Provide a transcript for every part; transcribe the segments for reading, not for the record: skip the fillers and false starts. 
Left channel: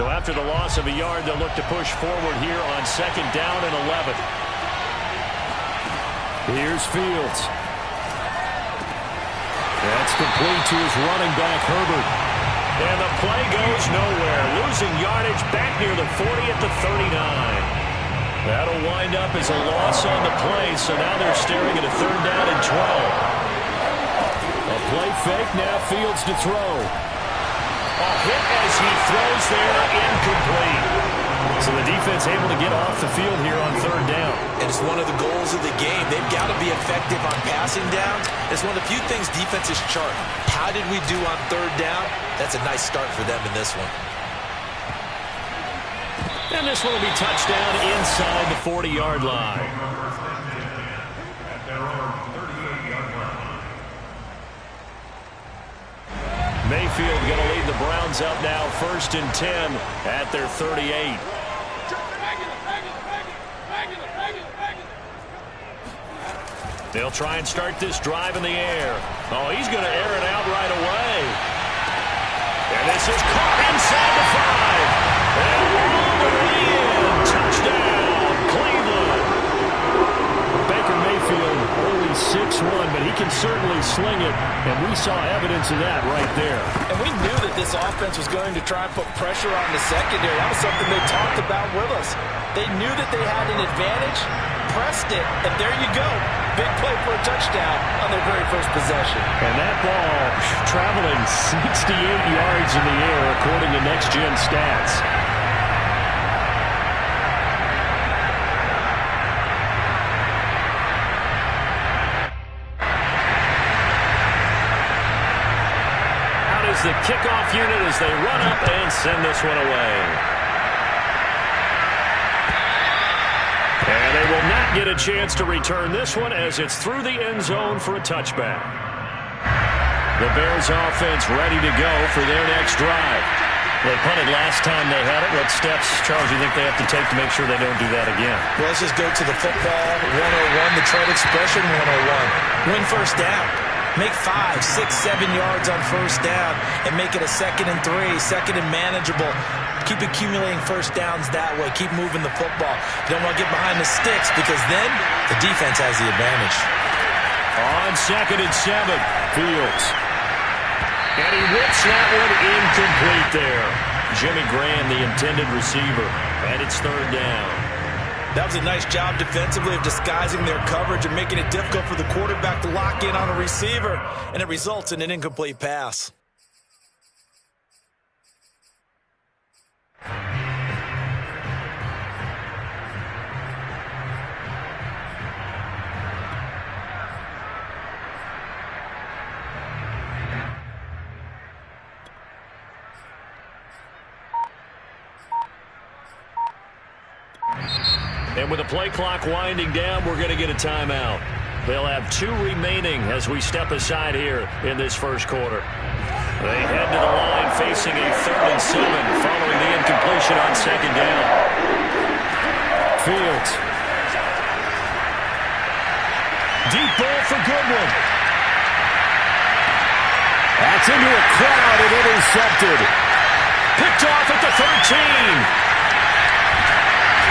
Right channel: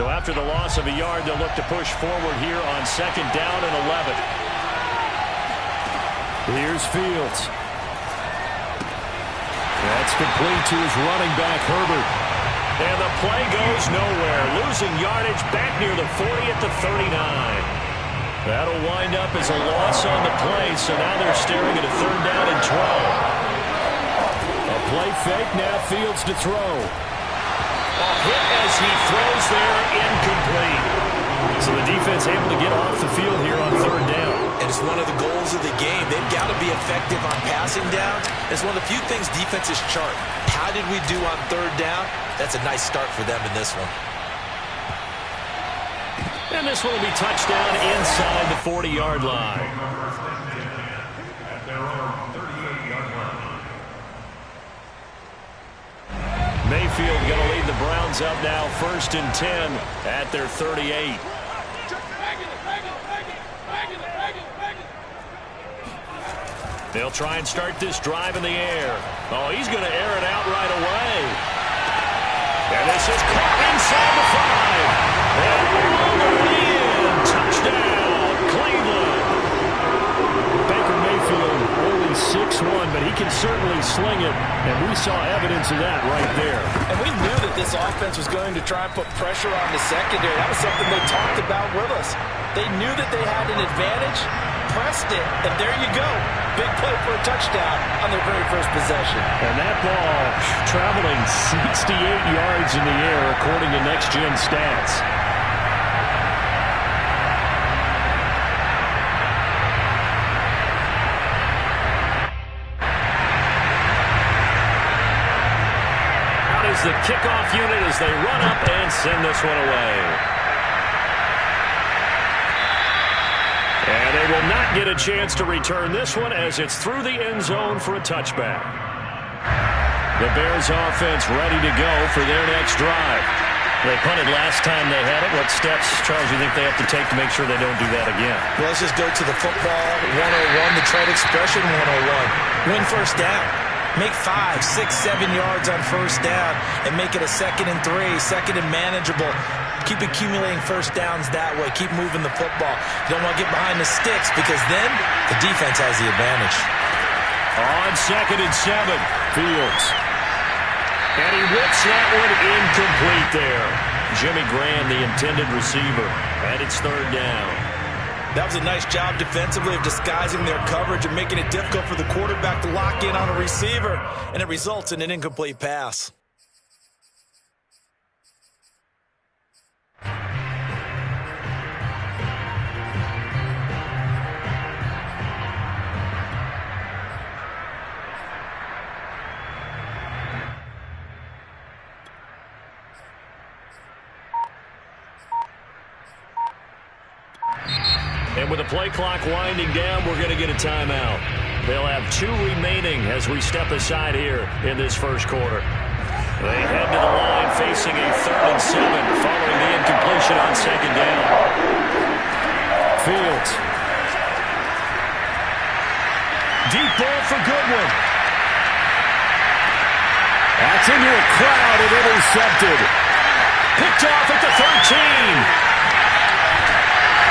So after the loss of a yard, they'll look to push forward here on 2nd down and 11. Here's Fields. That's complete to his running back, Herbert. And the play goes nowhere. Losing yardage back near the 40 at the 39. That'll wind up as a loss on the play, so now they're staring at a 3rd down and 12. A play fake, now Fields to throw. A hit as he throws there, incomplete. So the defense able to get off the field here on 3rd down. And it's one of the goals of the game. They've got to be effective on passing downs. It's one of the few things defenses chart. How did we do on 3rd down? That's a nice start for them in this one. And this one will be touchdown inside the 40-yard line. Mayfield going to lead the Browns up now 1st and 10 at their 38. They'll try and start this drive in the air. Oh, he's going to air it out right away. And this is caught inside the 5. And all the way in. Touchdown, Cleveland. Baker Mayfield only 6'1", but he can certainly sling it. And we saw evidence of that right there. And we knew that this offense was going to try and put pressure on the secondary. That was something they talked about with us. They knew that they had an advantage, pressed it, and there you go. Big play for a touchdown on their very first possession. And that ball traveling 68 yards in the air, according to Next Gen Stats. Out is the kickoff unit as they run up and send this one away. And they will not get a chance to return this one as it's through the end zone for a touchback. The Bears offense ready to go for their next drive. They punted last time they had it. What steps, Charles, do you think they have to take to make sure they don't do that again? Well, let's just go to the football 101, the trade expression 101. Win 1st down. Make 5, 6, 7 yards on 1st down and make it a 2nd and 3, 2nd and manageable. Keep accumulating 1st downs that way. Keep moving the football. You don't want to get behind the sticks because then the defense has the advantage. On 2nd and 7, Fields. And he whips that one incomplete there. Jimmy Graham, the intended receiver, and it's 3rd down. That was a nice job defensively of disguising their coverage and making it difficult for the quarterback to lock in on a receiver, and it results in an incomplete pass. And with the play clock winding down, we're going to get a timeout. They'll have 2 remaining as we step aside here in this first quarter. They head to the line facing a 3rd and 7 following the incompletion on 2nd down. Fields. Deep ball for Goodwin. That's into a crowd and intercepted. Picked off at the 13.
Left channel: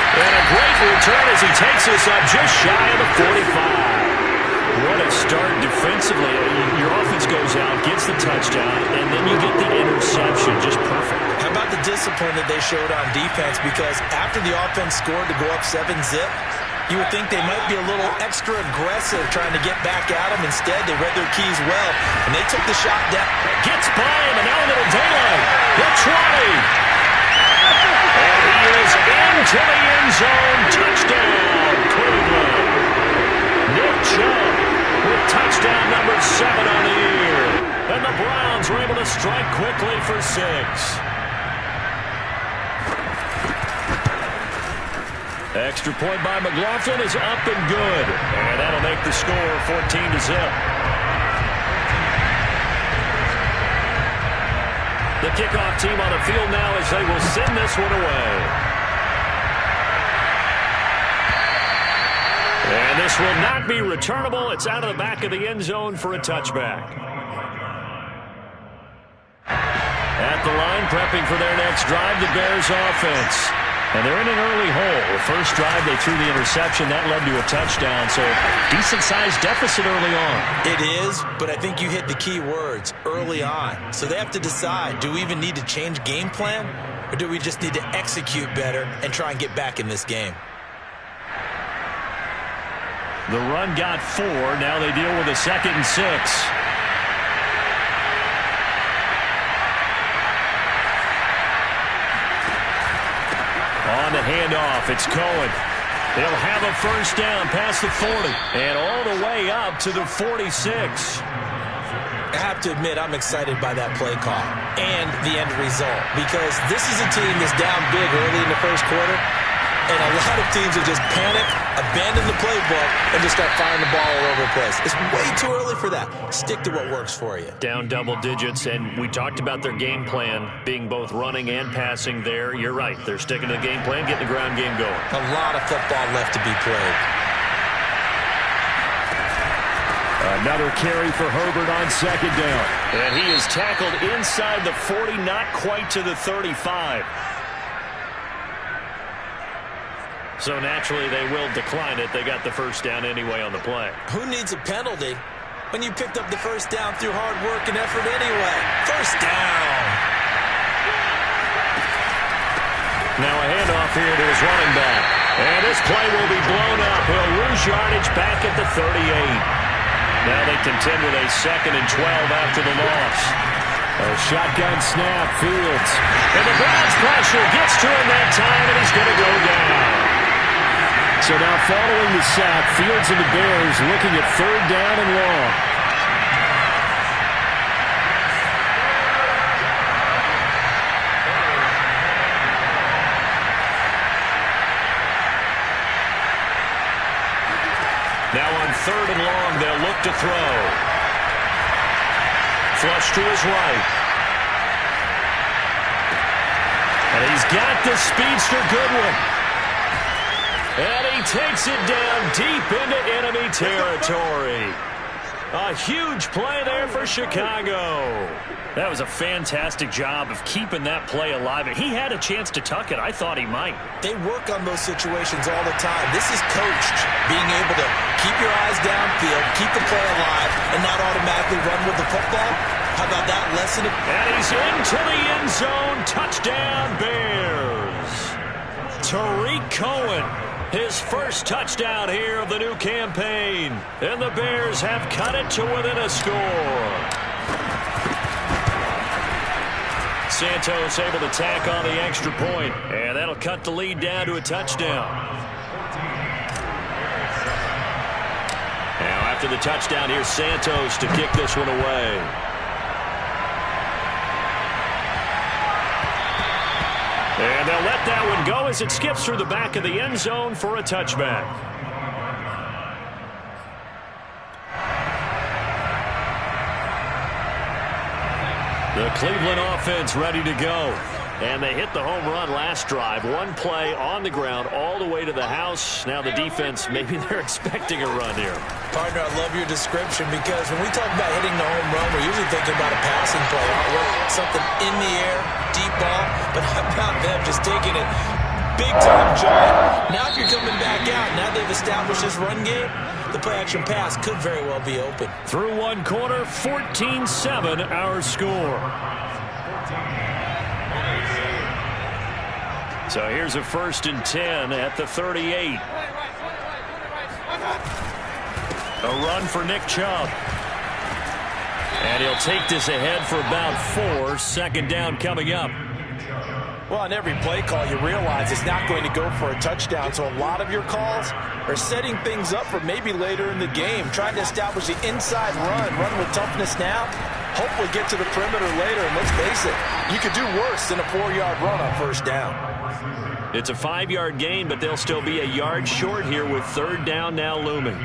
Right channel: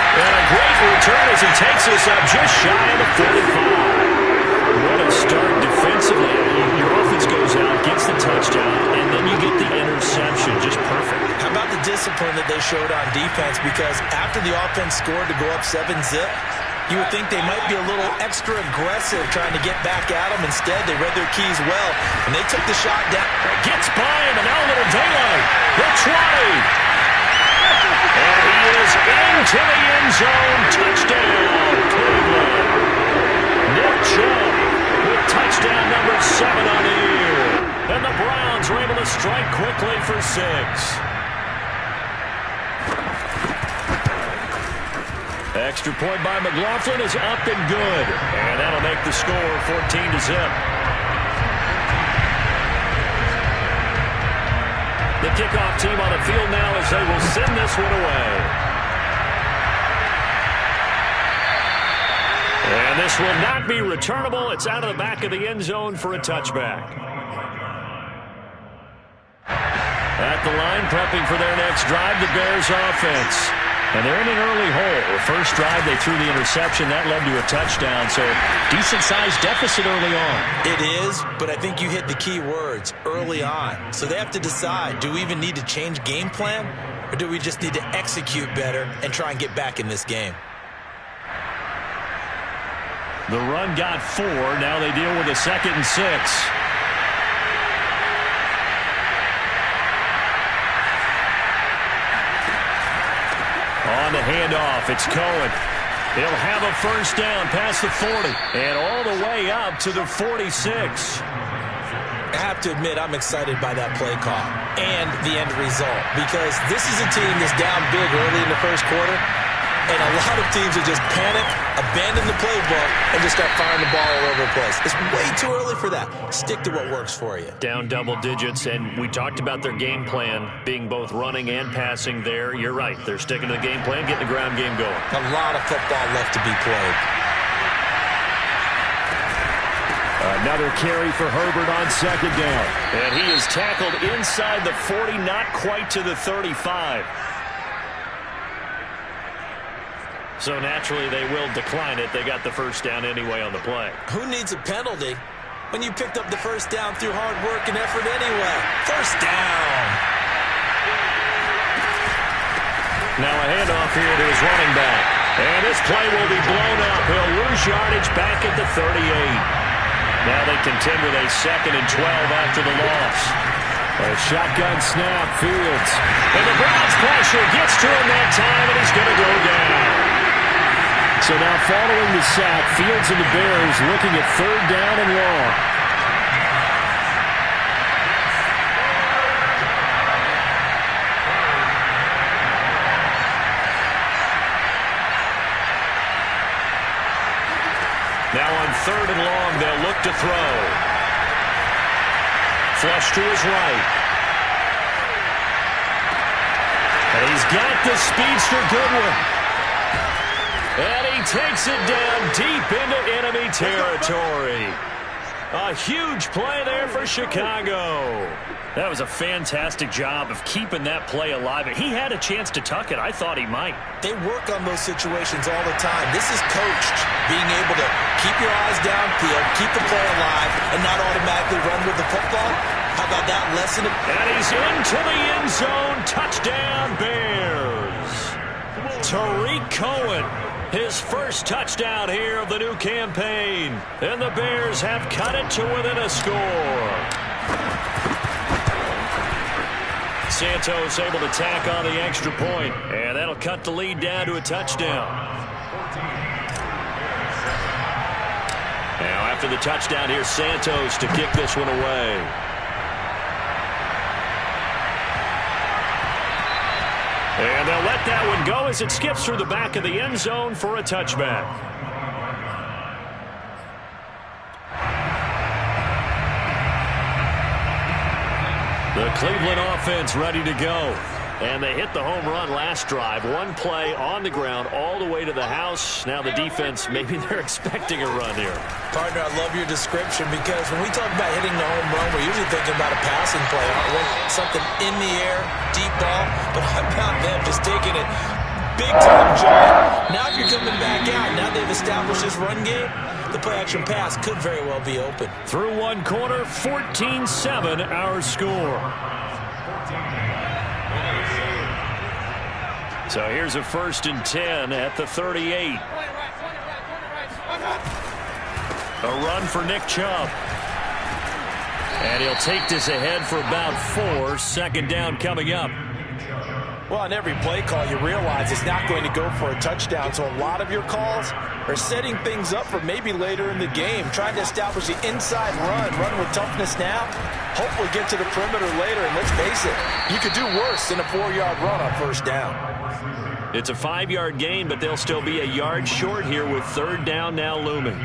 And a great return as he takes us up just shy of the 45. What a start defensively. Your offense goes out, gets the touchdown, and then you get the interception. Just perfect. How about the discipline that they showed on defense? Because after the offense scored to go up 7-zip, you would think they might be a little extra aggressive trying to get back at them. Instead, they read their keys well, and they took the shot down. Gets by him, and now a little daylight. Hits Ronnie. And he is into the end zone. Touchdown, Cleveland. Nick Chubb with touchdown number 7 on the year. And the Browns were able to strike quickly for 6. Extra point by McLaughlin is up and good. And that'll make the score 14-zip. The kickoff team on the field now as they will send this one away. And this will not be returnable. It's out of the back of the end zone for a touchback. At the line, prepping for their next drive, the Bears offense. And they're in an early hole. The first drive, they threw the interception. That led to a touchdown, so decent-sized deficit early on. It is, but I think you hit the key words, early on. So they have to decide, do we even need to change game plan, or do we just need to execute better and try and get back in this game? The run got 4. Now they deal with a 2nd and 6. On the handoff, it's Cohen. He'll have a first down past the 40 and all the way up to the 46. I have to admit, I'm excited by that play call and the end result, because this is a team that's down big early in the first quarter, and a lot of teams will just panic, abandon the playbook, and just start firing the ball all over the place. It's way too early for that. Stick to what works for you. Down double digits, and we talked about their game plan being both running and passing there. You're right. They're sticking to the game plan, getting the ground game going. A lot of football left to be played. Another carry for Herbert on 2nd down. And he is tackled inside the 40, not quite to the 35. So naturally, they will decline it. They got the first down anyway on the play. Who needs a penalty when you picked up the first down through hard work and effort anyway? First down. Now a handoff here to his running back. And this play will be blown up. He'll lose yardage back at the 38. Now they contend with a 2nd and 12 after the loss. A shotgun snap, Fields. And the Browns pressure gets to him that time, and he's going to go down. So now following the sack, Fields and the Bears looking at 3rd down and long. Now on 3rd and long, they'll look to throw. Flush to his right. And he's got the speedster Goodwin. And he takes it down deep into enemy territory. A huge play there for Chicago. That was a fantastic job of keeping that play alive. He had a chance to tuck it. I thought he might. They work on those situations all the time. This is coached, being able to keep your eyes downfield, keep the play alive, and not automatically run with the football. How about that lesson? And he's into the end zone. Touchdown, Bears. Tariq Cohen, his first touchdown here of the new campaign. And the Bears have cut it to within a score. Santos able to tack on the extra point, and that'll cut the lead down to a touchdown. Now after the touchdown, here's Santos to kick this one away. And they'll let that one go as it skips through the back of the end zone for a touchback. The Cleveland offense ready to go. And they hit the home run last drive. One play on the ground all the way to the house. Now the defense, maybe they're expecting a run here. Partner, I love your description, because when we talk about hitting the home run, we're usually thinking about a passing play, aren't we? Something in the air, deep ball. But how about them just taking it big time, John? Now if you're coming back out, now they've established this run game, the play-action pass could very well be open. Through one quarter, 14-7 our score. So here's a 1st and 10 at the 38. A run for Nick Chubb. And he'll take this ahead for about 4. 2nd down coming up. Well, on every play call, you realize it's not going to go for a touchdown. So a lot of your calls are setting things up for maybe later in the game, trying to establish the inside run with toughness now, hopefully get to the perimeter later. And let's face it, you could do worse than a 4-yard run on 1st down. It's a 5-yard gain, but they'll still be a yard short here with 3rd down now looming.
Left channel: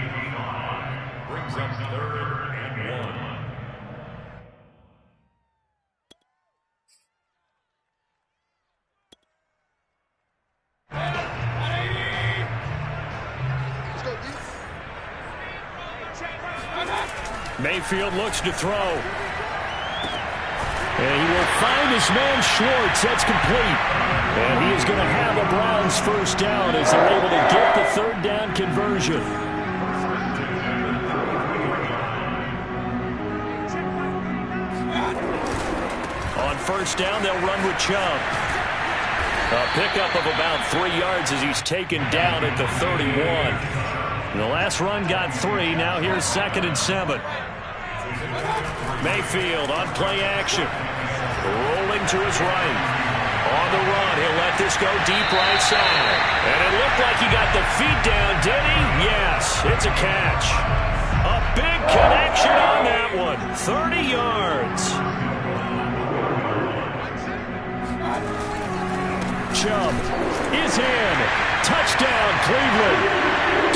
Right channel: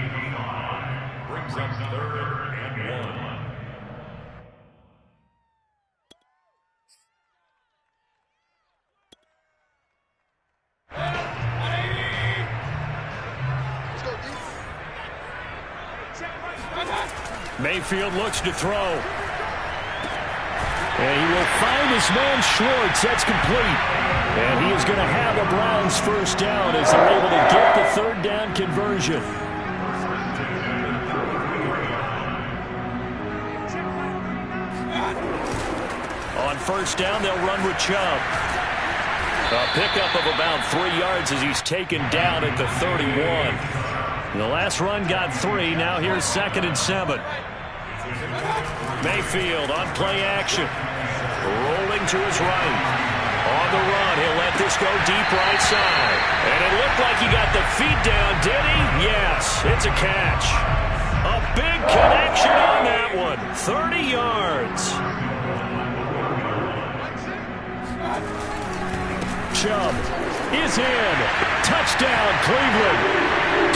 Brings up 3rd and 1. Mayfield looks to throw. And he will find his man Schwartz. That's complete. And he is going to have a Browns first down as they're able to get the third down conversion. On first down, they'll run with Chubb. A pickup of about 3 yards as he's taken down at the 31. The last run got 3. Now here's 2nd and 7. Mayfield on play action. Rolling to his right. On the run, he'll let this go deep right side. And it looked like he got the feet down, did he? Yes, it's a catch. A big connection on that one. 30 yards. Chubb is in. Touchdown, Cleveland.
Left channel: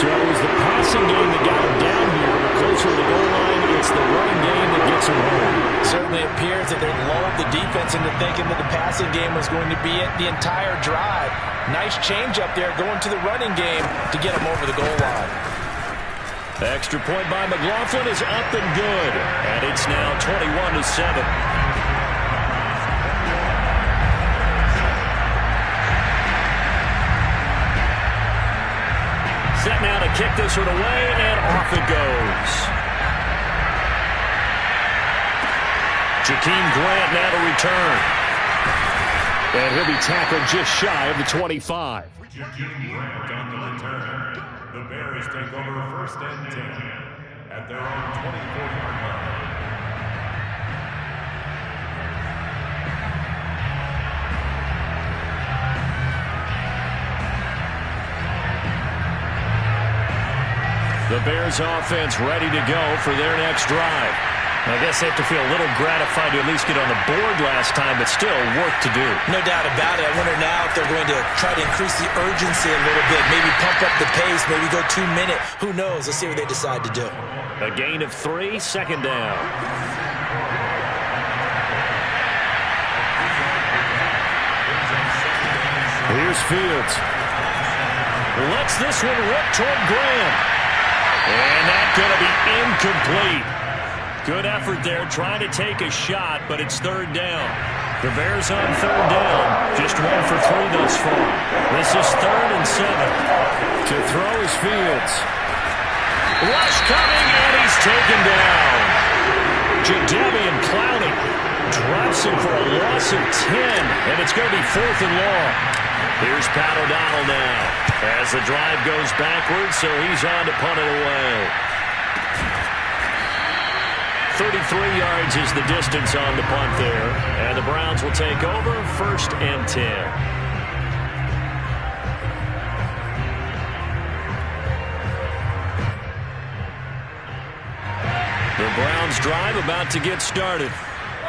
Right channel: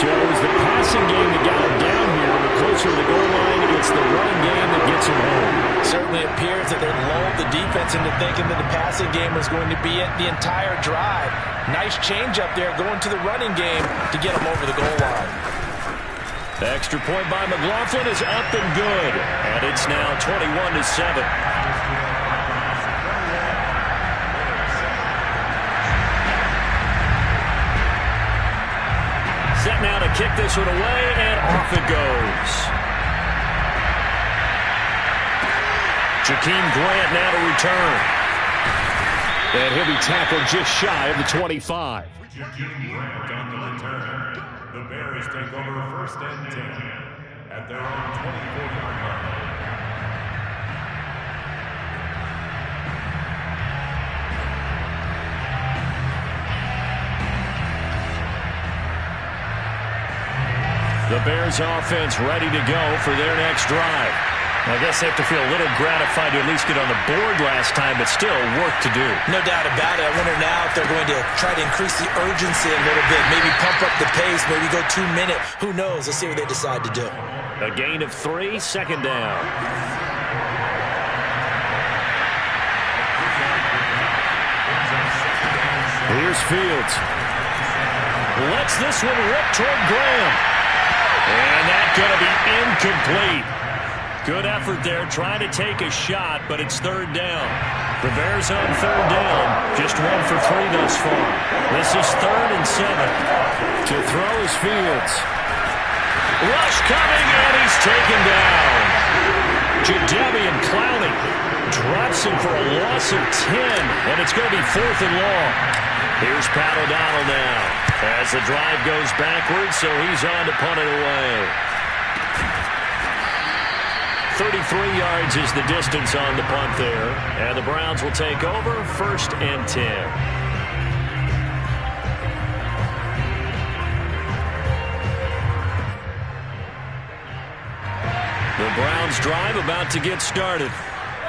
So it was the passing game that got him down here, but closer to the goal line, it's the running game that gets him home. Certainly appears that they lulled the defense into thinking that the passing game was going to be it the entire drive. Nice change up there going to the running game to get him over the goal line. The extra point by McLaughlin is up and good, and it's now 21-7. Set now to kick this one away, and off it goes. Jakeem Grant now to return. And he'll be tackled just shy of the 25. Jakeem Grant on the return. The Bears take over 1st and 10 at their own 24-yard line. The Bears offense ready to go for their next drive. I guess they have to feel a little gratified to at least get on the board last time, but still work to do. No doubt about it. I wonder now if they're going to try to increase the urgency a little bit, maybe pump up the pace, maybe go 2-minute. Who knows? Let's see what they decide to do. A gain of 3, 2nd down. Here's Fields. Lets this one rip toward Graham. And that's going to be incomplete. Good effort there trying to take a shot, but it's 3rd down. The Bears on 3rd down. Just 1 for 3 thus far. This is 3rd and 7. To throw is Fields. Rush coming, and he's taken down. Jadeveon Clowney drops him for a loss of 10, and it's going to be 4th and long. Here's Pat O'Donnell now as the drive goes backwards, so he's on to punt it away. 33 yards is the distance on the punt there, and the Browns will take over 1st and 10. The Browns drive about to get started.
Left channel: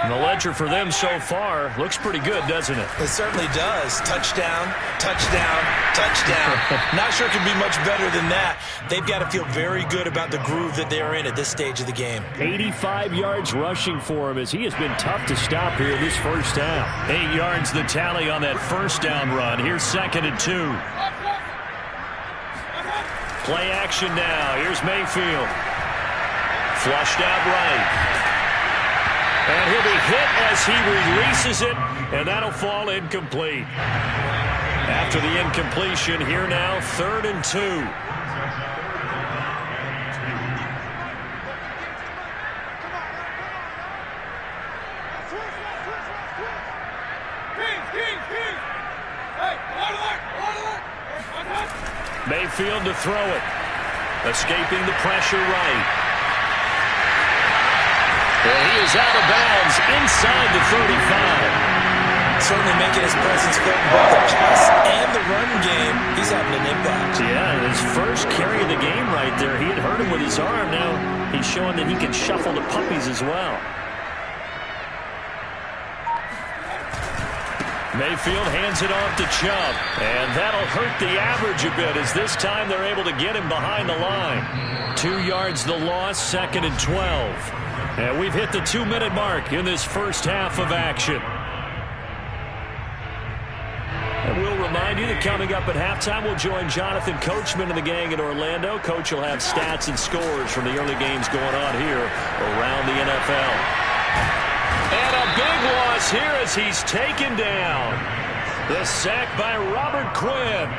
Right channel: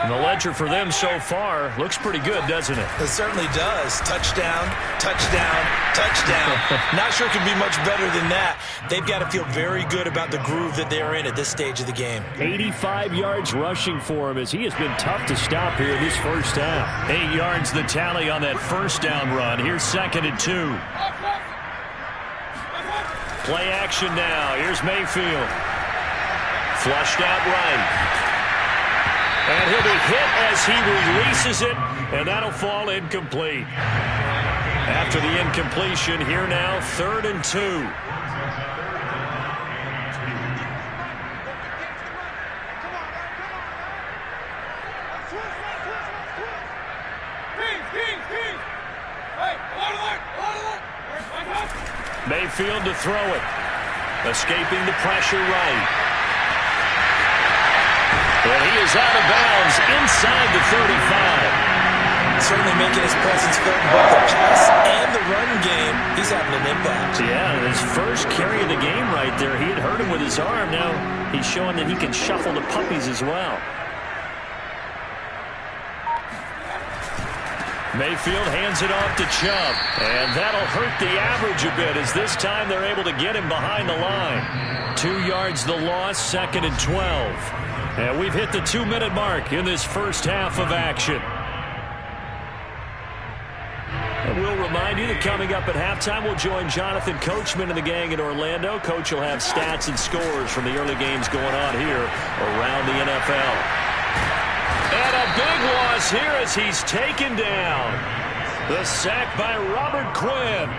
And the ledger for them so far looks pretty good, doesn't it? It certainly does. Touchdown, touchdown, touchdown. Not sure it could be much better than that. They've got to feel very good about the groove that they're in at this stage of the game. 85 yards rushing for him as he has been tough to stop here this first half. 8 yards the tally on that first down run. Here's 2nd and 2. Play action now. Here's Mayfield. Flushed out right. And he'll be hit as he releases it, and that'll fall incomplete. After the incompletion, here now, 3rd and 2. Mayfield to throw it. Escaping the pressure right. And he is out of bounds inside the 35. Certainly making his presence felt in both the pass and the run game. He's having an impact. Yeah, his first carry of the game right there. He had hurt him with his arm. Now he's showing that he can shuffle the puppies as well. Mayfield hands it off to Chubb. And that'll hurt the average a bit as this time they're able to get him behind the line. 2 yards the loss, 2nd and 12. And we've hit the 2-minute mark in this first half of action. And we'll remind you that coming up at halftime, we'll join Jonathan Coachman and the gang in Orlando. Coach will have stats and scores from the early games going on here around the NFL. And a big loss here as he's taken down. The sack by Robert Quinn.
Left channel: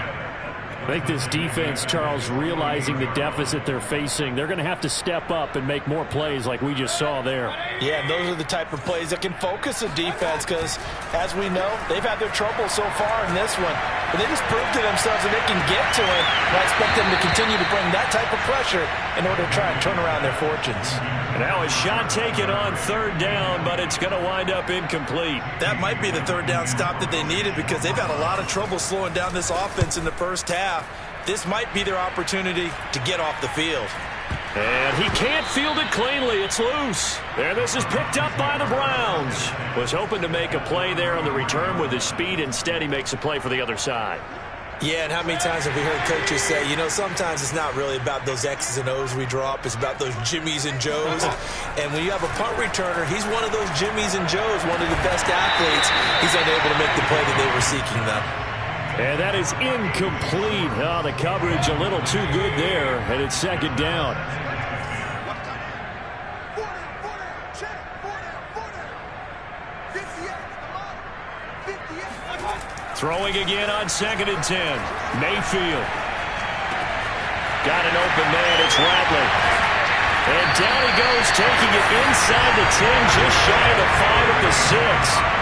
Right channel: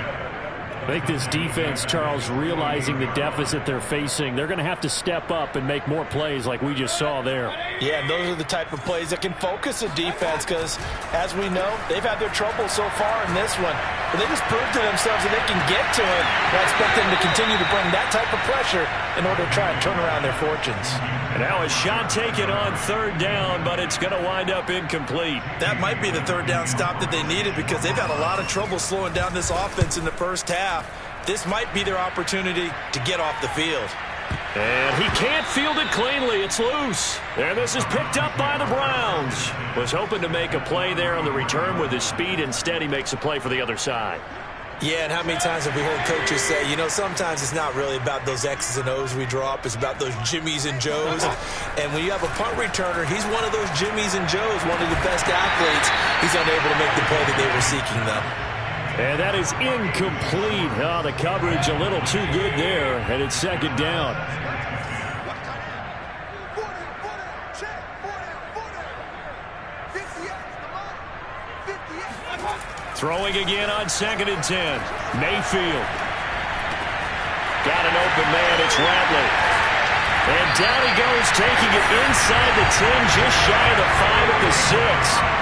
I think this defense, Charles, realizing the deficit they're facing, they're going to have to step up and make more plays like we just saw there. Yeah, and those are the type of plays that can focus a defense because, as we know, they've had their trouble so far in this one. But they just proved to themselves that they can get to it. And I expect them to continue to bring that type of pressure in order to try and turn around their fortunes. And now a shot taken on third down, but it's going to wind up incomplete. That might be the third down stop that they needed because they've had a lot of trouble slowing down this offense in the first half. This might be their opportunity to get off the field. And he can't field it cleanly. It's loose. And this is picked up by the Browns. Was hoping to make a play there on the return with his speed. Instead, he makes a play for the other side. Yeah, and how many times have we heard coaches say, you know, sometimes it's not really about those X's and O's we drop. It's about those Jimmies and Joes. And when you have a punt returner, he's one of those Jimmies and Joes, one of the best athletes. He's unable to make the play that they were seeking, though. And that is incomplete. Oh, the coverage a little too good there, and it's second down. Throwing again on 2nd and 10. Mayfield. Got an open man. It's Ratley. And down he goes, taking it inside the 10, just shy of the 5 at the 6.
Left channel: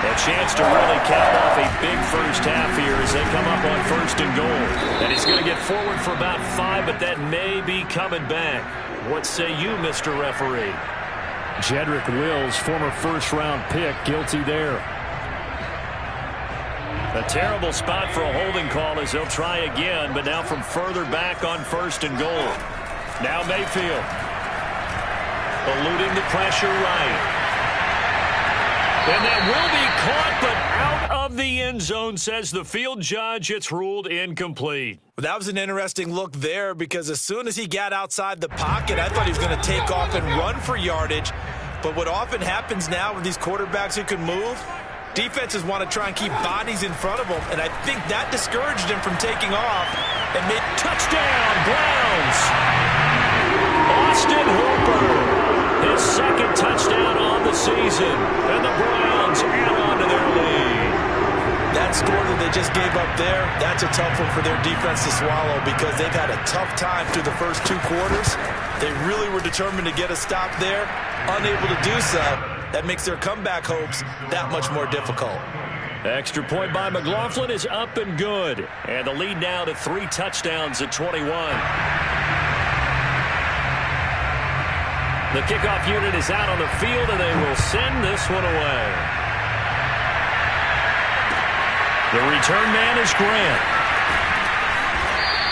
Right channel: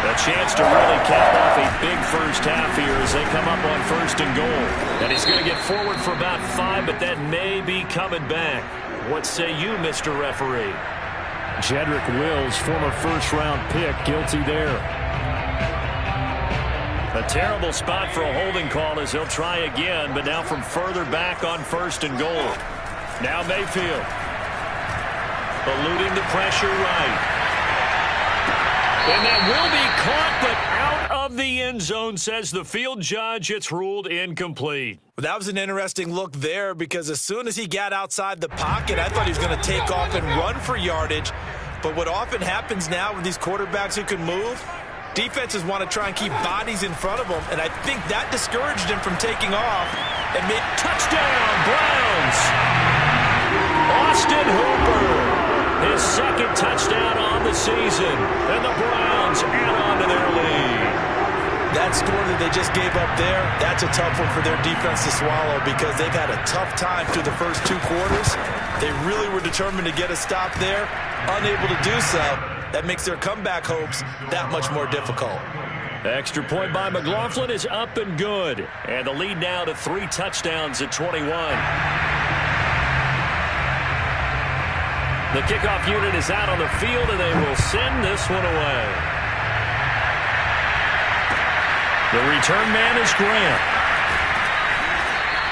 A chance to really cap off a big first half here as they come up on 1st and goal. And he's going to get forward for about 5, but that may be coming back. What say you, Mr. Referee? Jedrick Wills, former first-round pick, guilty there. A terrible spot for a holding call as they'll try again, but now from further back on 1st and goal. Now Mayfield. Eluding the pressure right. And that will be caught, but out of the end zone, says the field judge. It's ruled incomplete. Well, that was an interesting look there because as soon as he got outside the pocket, I thought he was going to take off and run for yardage. But what often happens now with these quarterbacks who can move, defenses want to try and keep bodies in front of them, and I think that discouraged him from taking off and made touchdown, Browns. Austin Hooper. His second touchdown on the season, and the Browns add on to their lead. That score that they just gave up there, that's a tough one for their defense to swallow because they've had a tough time through the first 2 quarters. They really were determined to get a stop there, unable to do so. That makes their comeback hopes that much more difficult. Extra point by McLaughlin is up and good, and the lead now to 3 touchdowns at 21. The kickoff unit is out on the field, and they will send this one away. The return man is Grant.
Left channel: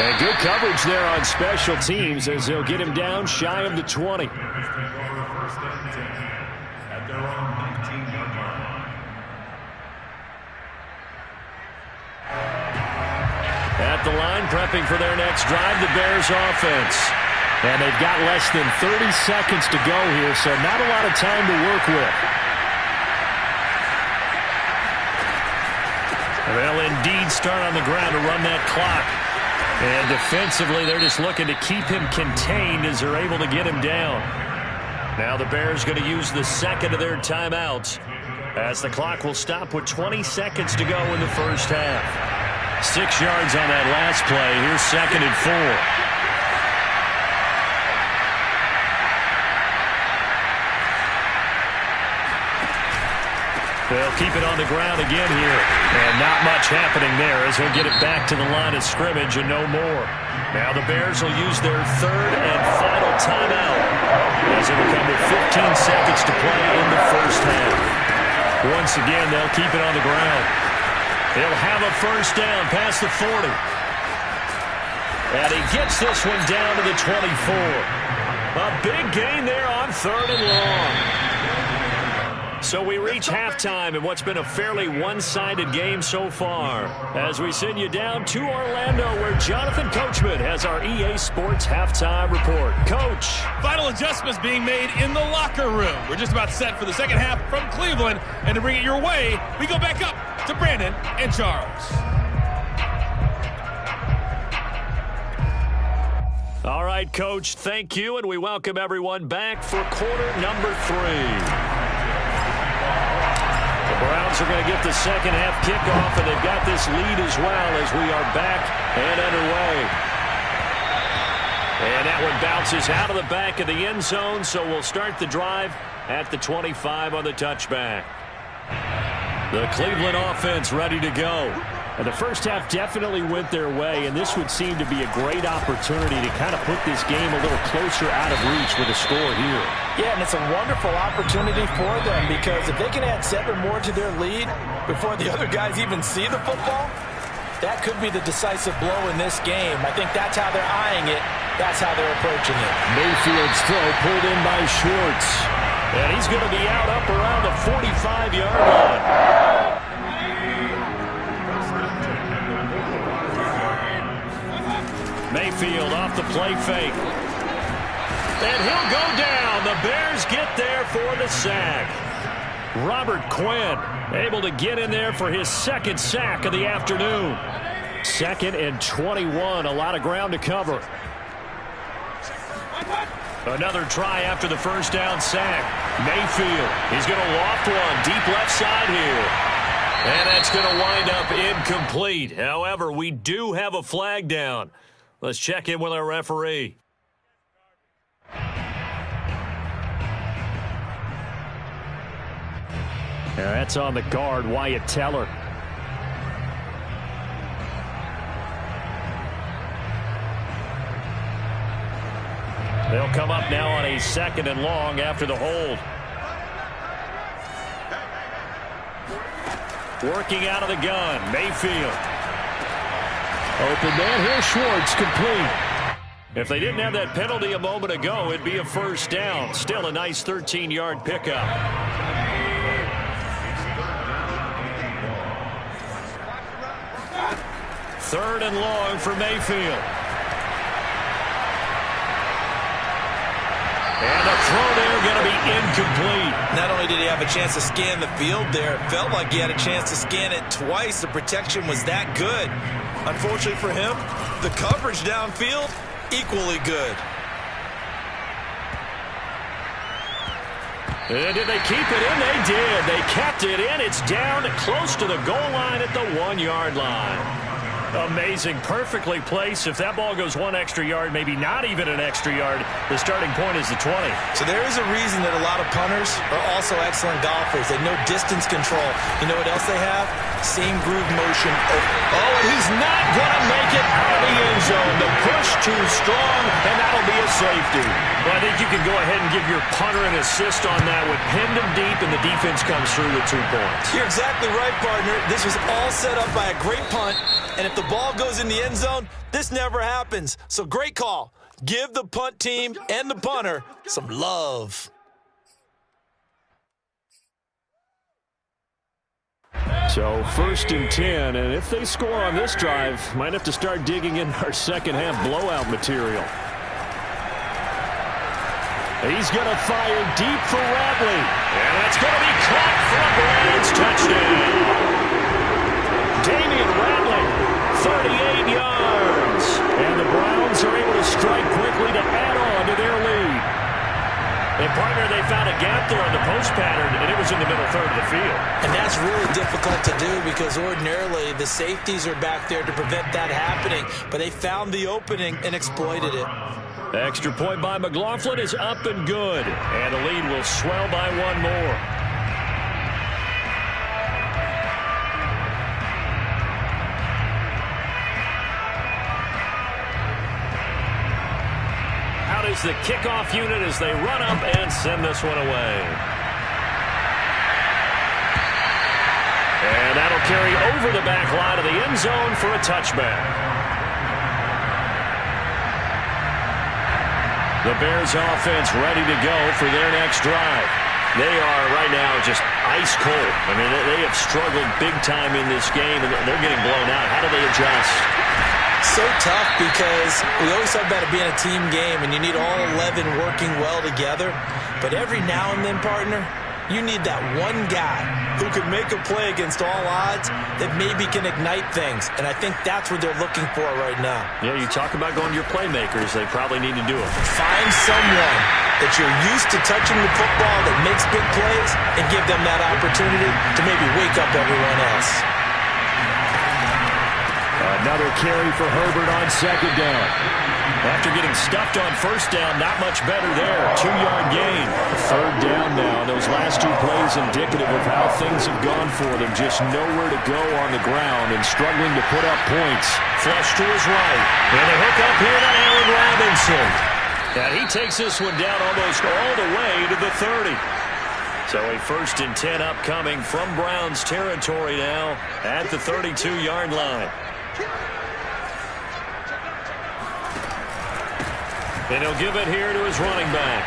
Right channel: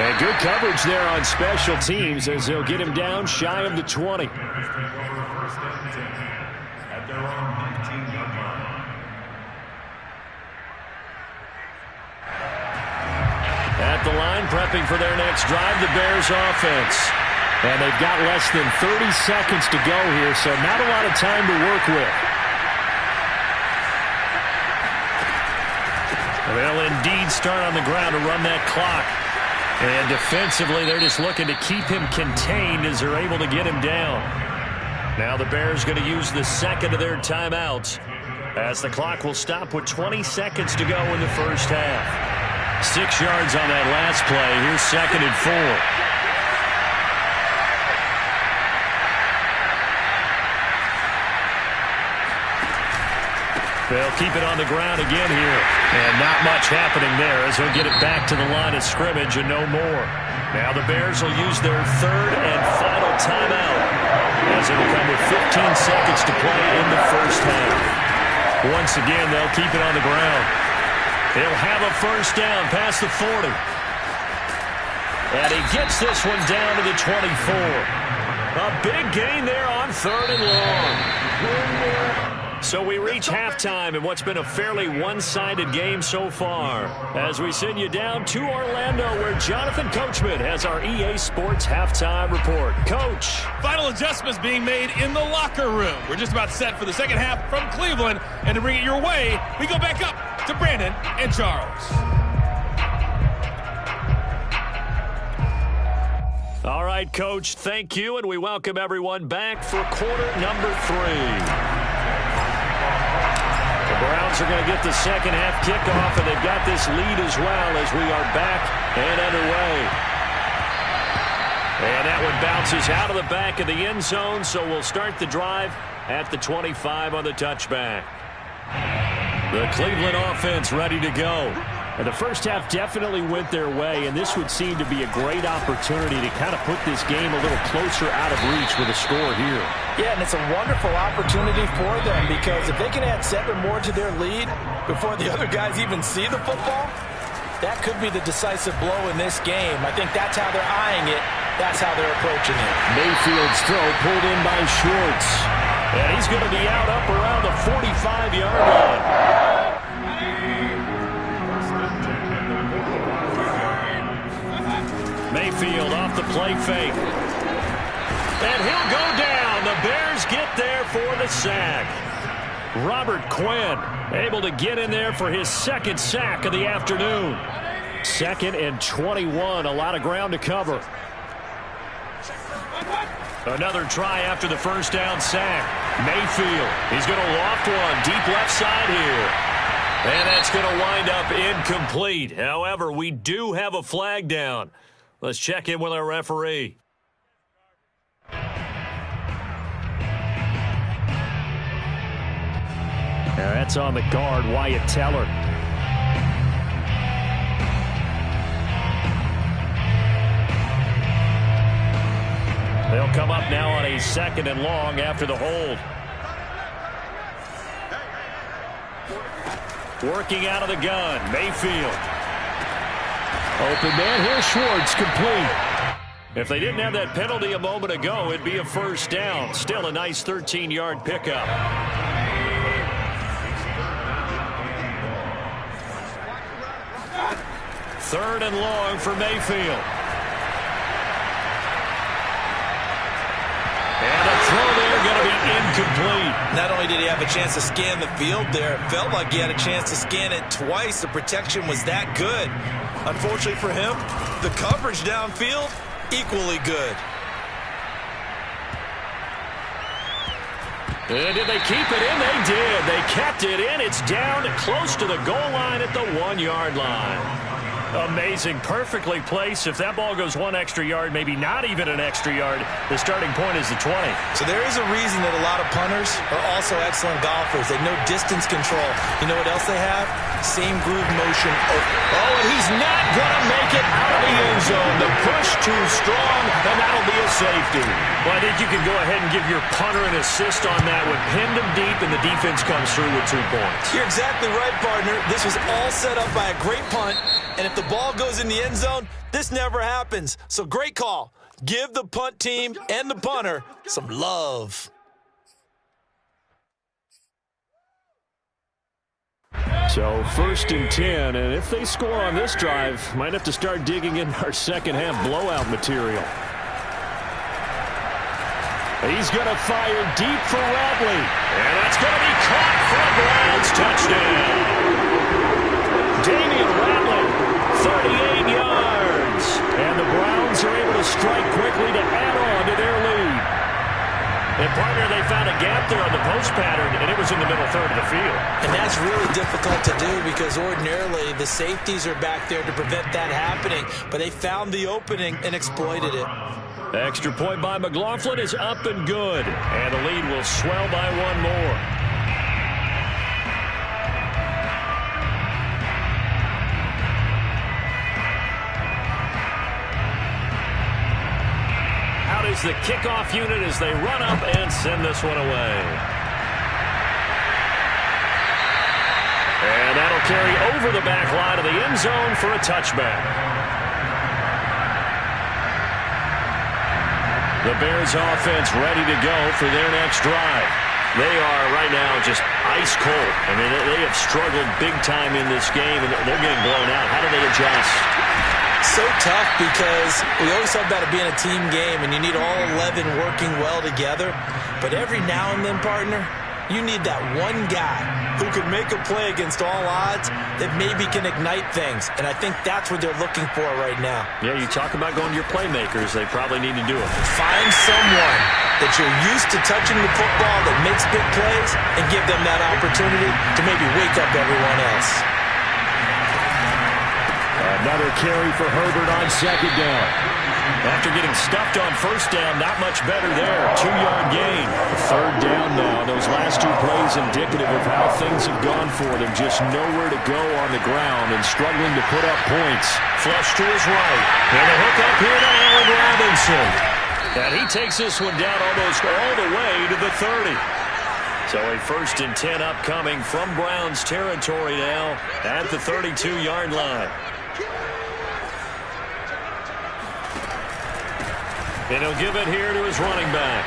And good coverage there on special teams as they'll get him down shy of the 20. At the line, prepping for their next drive, the Bears offense. And they've got less than 30 seconds to go here, so not a lot of time to work with. And they'll indeed start on the ground to run that clock. And defensively, they're just looking to keep him contained as they're able to get him down. Now the Bears going to use the second of their timeouts as the clock will stop with 20 seconds to go in the first half. 6 yards on that last play. Here's 2nd and 4. They'll keep it on the ground again here. And not much happening there as he'll get it back to the line of scrimmage and no more. Now the Bears will use their 3rd and final timeout as it'll come with 15 seconds to play in the first half. Once again, they'll keep it on the ground. He'll have a first down past the 40. And he gets this one down to the 24. A big gain there on 3rd and long. So we reach halftime in what's been a fairly one-sided game so far as we send you down to Orlando where Jonathan Coachman has our EA Sports halftime report. Coach. Final adjustments being made in the locker room. We're just about set for the second half from Cleveland. And to bring it your way, we go back up to Brandon and Charles. All right, Coach, thank you, and we welcome everyone back for quarter number 3. The Browns are going to get the second half kickoff, and they've got this lead as well as we are back and underway. And that one bounces out of the back of the end zone, so we'll start the drive at the 25 on the touchback. The Cleveland offense ready to go. And the first half definitely went their way, and this would seem to be a great opportunity to kind of put this game a little closer out of reach with a score here. Yeah, and it's a wonderful opportunity for them because if they can add 7 more to their lead before the other guys even see the football, that could be the decisive blow in this game. I think that's how they're eyeing it. That's how they're approaching it. Mayfield's throw pulled in by Schwartz. And he's going to be out up around the 45-yard line. Mayfield off the play fake. And he'll go down. The Bears get there for the sack. Robert Quinn able to get in there for his second sack of the afternoon. 2nd and 21. A lot of ground to cover. Another try after the first down sack. Mayfield, he's going to loft one deep left side here. And that's going to wind up incomplete. However, we do have a flag down. Let's check in with our referee. Now that's on the guard, Wyatt Teller. They'll come up now on a 2nd and long after the hold. Working out of the gun, Mayfield. Open man here, Schwartz, complete. If they didn't have that penalty a moment ago, it'd be a first down. Still a nice 13-yard pickup. 3rd and long for Mayfield. And the throw there going to be incomplete. Not only did he have a chance to scan the field there, it felt like he had a chance to scan it twice. The protection was that good. Unfortunately for him, the coverage downfield, equally good. And did they keep it in? They did. They kept it in. It's down close to the goal line at the 1-yard line. Amazing. Perfectly placed. If that ball goes 1 extra yard, maybe not even an extra yard, the starting point is the 20. So there is a reason that a lot of punters are also excellent golfers. They know distance control. You know what else they have? Same groove motion. Oh, and he's not going to make it out of the end zone. The push too strong, and that'll be a safety. Well, I think you can go ahead and give your punter an assist on that one. Pinned him deep, and the defense comes through with 2 points. You're exactly right, partner. This was all set up by a great punt, and if the ball goes in the end zone, this never happens. So great call. Give the punt team and the punter some love. So 1st and 10, and if they score on this drive, might have to start digging in our second half blowout material. He's going to fire deep for Ratley. And that's going to be caught for a Browns touchdown. Damian Ratley, 38 yards. And the Browns are able to strike quickly to add on to their lead. And, partner, they found a gap there on the post pattern, and it was in the middle third of the field. And that's really difficult to do because ordinarily the safeties are back there to prevent that happening. But they found the opening and exploited it. Extra point by McLaughlin is up and good. And the lead will swell by 1 more. Out is the kickoff unit as they run up and send this one away. And that'll carry over the back line of the end zone for a touchback. The Bears offense ready to go for their next drive. They are right now just ice cold. I mean, they have struggled big time in this game, and they're getting blown out. How do they adjust? So tough because we always talk about it being a team game, and you need all 11 working well together. But every now and then, partner, you need that one guy who can make a play against all odds that maybe can ignite things. And I think that's what they're looking for right now. Yeah, you talk about going to your playmakers. They probably need to do it. Find someone that you're used to touching the football that makes big plays and give them that opportunity to maybe wake up everyone else. Another carry for Herbert on second down. After getting stuffed on first down, not much better there. 2-yard gain. Third down now. Those last two plays indicative of how things have gone for them. Just nowhere to go on the ground and struggling to put up points. Flush to his right. And the hook up here to Allen Robinson. And he takes this one down almost all the way to the 30. So a 1st and 10 upcoming from Browns territory now at the 32-yard line. And he'll give it here to his running back.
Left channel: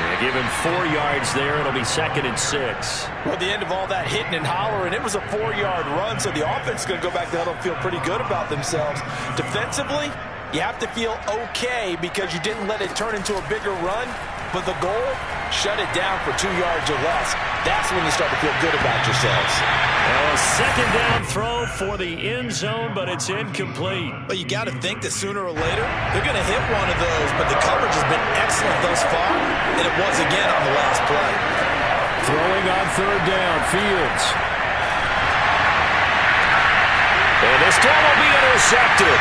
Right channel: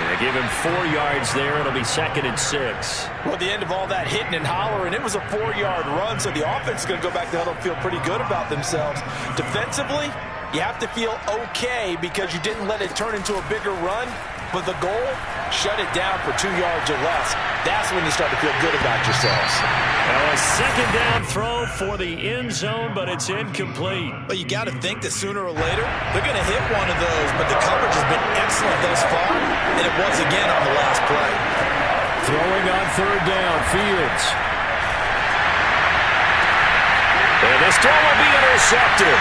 And they give him 4 yards there. It'll be 2nd and 6. Well, at the end of all that hitting and hollering, it was a 4-yard run, so the offense is going to go back to the huddle and feel pretty good about themselves. Defensively, you have to feel okay because you didn't let it turn into a bigger run, but the goal, shut it down for 2 yards or less. That's when you start to feel good about yourselves. Now a 2nd down throw for the end zone, but it's incomplete. But you got to think that sooner or later, they're going to hit one of those, but the coverage has been excellent thus far, and it was again on the last play. Throwing on 3rd down, Fields. And this throw will be intercepted.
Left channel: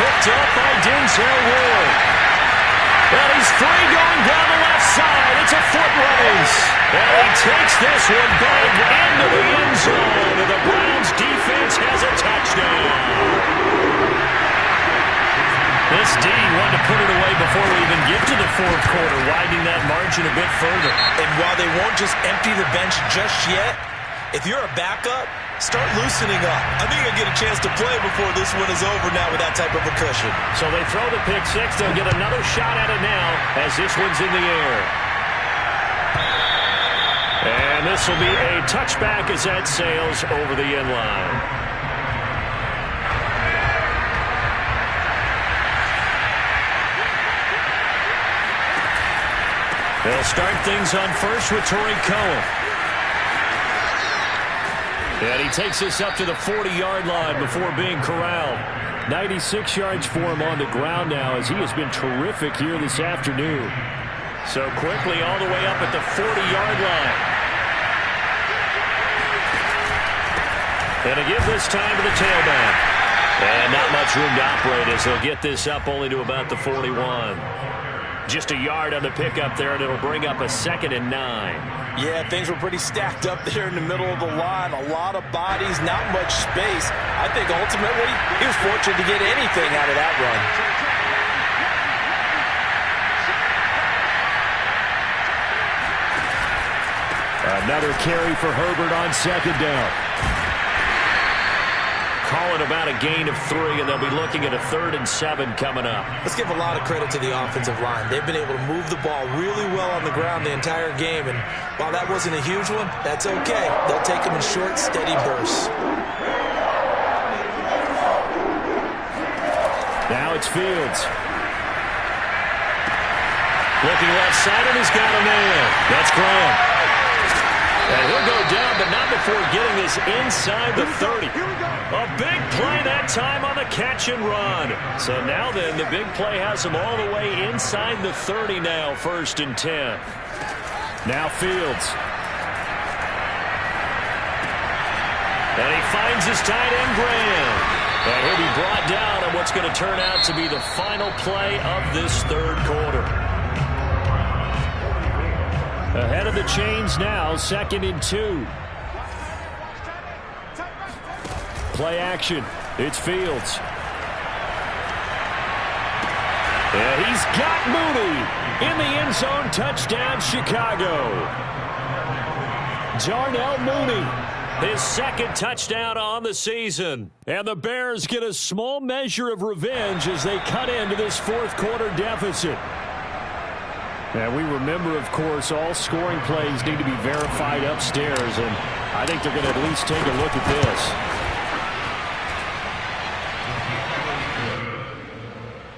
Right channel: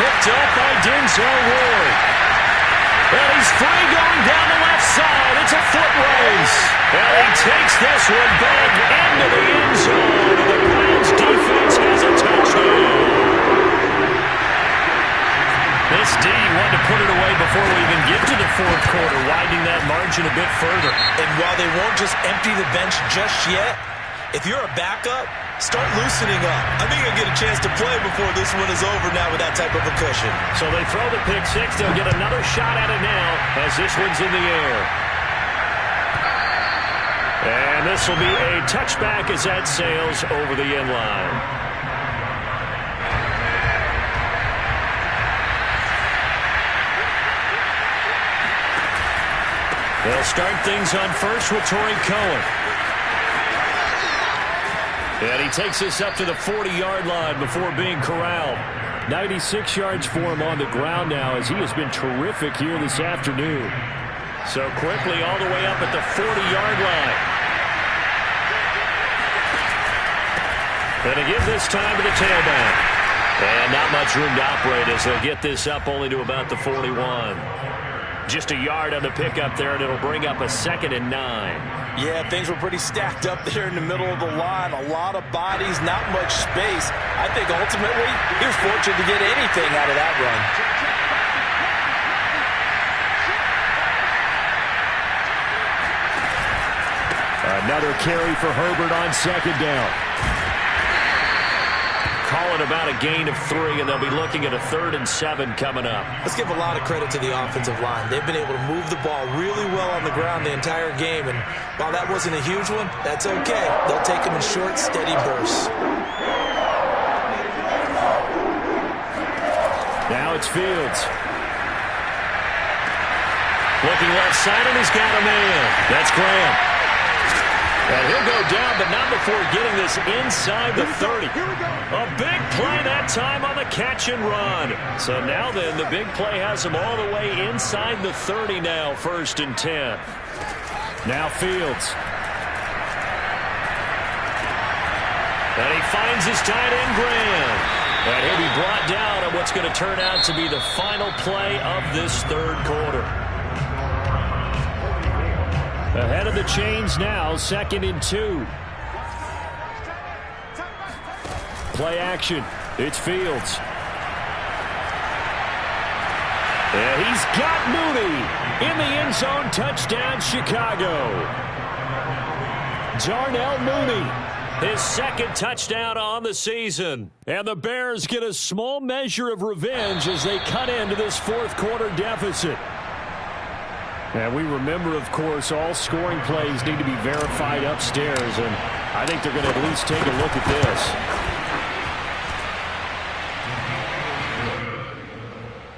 Picked up by Denzel Ward. And he's free going down the left side. It's a foot race. And he takes this one back into the end zone. And the Browns defense has a touchdown. This D wanted to put it away before we even get to the 4th quarter, widening that margin a bit further. And while they won't just empty the bench just yet, if you're a backup, start loosening up. I think you'll get a chance to play before this one is over now with that type of a cushion. So they throw the pick 6. They'll get another shot at it now as this one's in the air. And this will be a touchback as that sails over the end line. They'll start things on first with Torrey Cohen. And he takes this up to the 40-yard line before being corralled. 96 yards for him on the ground now as he has been terrific here this afternoon. So quickly all the way up at the 40-yard line. And to give this time to the tailback. And not much room to operate as they'll get this up only to about the 41. Just a yard on the pickup there, and it'll bring up a 2nd and 9. Yeah, things were pretty stacked up there in the middle of the line. A lot of bodies, not much space. I think ultimately he was fortunate to get anything out of that run. Another carry for Herbert on 2nd down. Call it about a gain of 3, and they'll be looking at a 3rd and 7 coming up. Let's give a lot of credit to the offensive line. They've been able to move the ball really well on the ground the entire game, and while that wasn't a huge one, that's okay. They'll take them in short, steady bursts. Now it's Fields. Looking left side, and he's got a man. That's Graham. And he'll go down, but not before getting this inside the 30. A big play that time on the catch and run. So now then, the big play has him all the way inside the 30 now, 1st and 10. Now Fields. And he finds his tight end, Graham. And he'll be brought down on what's going to turn out to be the final play of this 3rd quarter. Ahead of the chains now, 2nd and 2. Play action. It's Fields. Yeah, he's got Mooney in the end zone. Touchdown, Chicago. Darnell Mooney. His 2nd touchdown on the season. And the Bears get a small measure of revenge as they cut into this 4th quarter deficit. And we remember, of course, all scoring plays need to be verified upstairs, and I think they're going to at least take a look at this.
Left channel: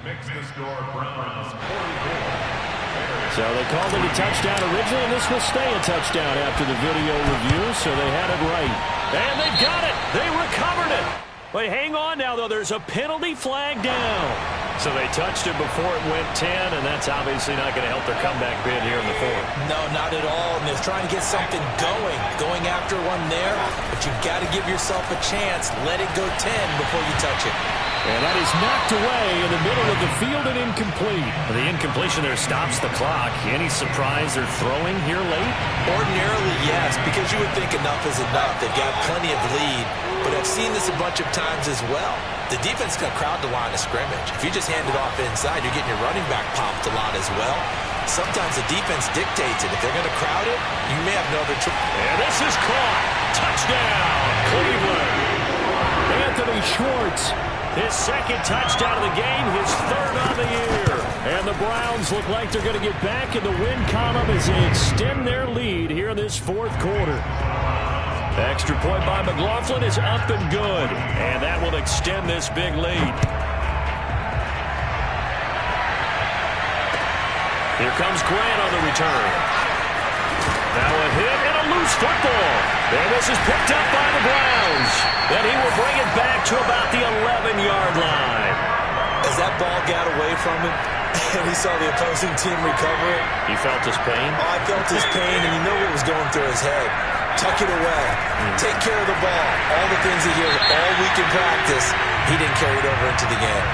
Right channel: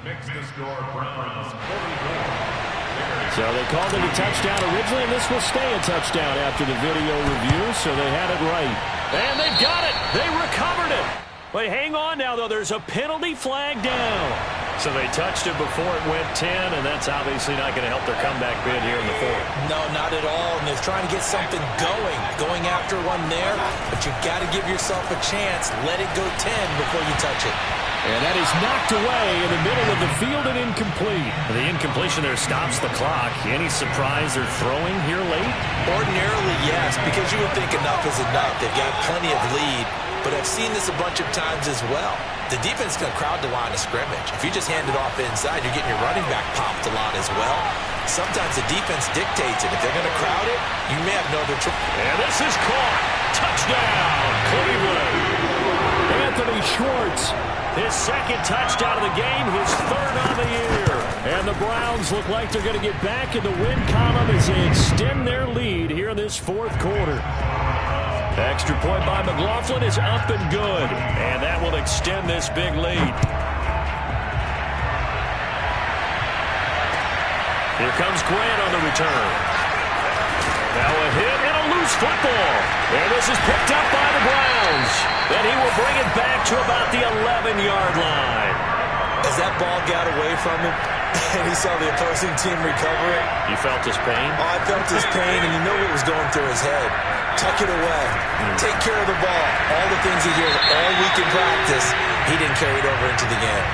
Makes the score Browns 44. So they called it a touchdown originally, and this will stay a touchdown after the video review, so they had it right. And they've got it. They recovered it. Wait, hang on now, though. There's a penalty flag down. So they touched it before it went 10, and that's obviously not going to help their comeback bid here in the fourth. No, not at all. And they're trying to get something going after one there. But you've got to give yourself a chance. Let it go 10 before you touch it. And that is knocked away in the middle of the field and incomplete. The incompletion there stops the clock. Any surprise they're throwing here late? Ordinarily, yes, because you would think enough is enough. They've got plenty of lead. But I've seen this a bunch of times as well. The defense is going to crowd the line of scrimmage. If you just hand it off inside, you're getting your running back popped a lot as well. Sometimes the defense dictates it. If they're going to crowd it, you may have no other choice. And this is caught. Touchdown, Cleveland. Anthony Schwartz, his second touchdown of the game, his third on the year. And the Browns look like they're going to get back in the win column as they extend their lead here in this fourth quarter. Extra point by McLaughlin is up and good. And that will extend this big lead. Here comes Grant on the return. Now a hit and a loose football. And this is picked up by the Browns. Then he will bring it back to about the 11-yard line. As that ball got away from him, and he saw the opposing team recover it. You felt his pain? Oh, I felt his pain, and you know what was going through his head. Tuck it away. Take care of the ball. All the things he hears all week in practice, he didn't carry it over into the game.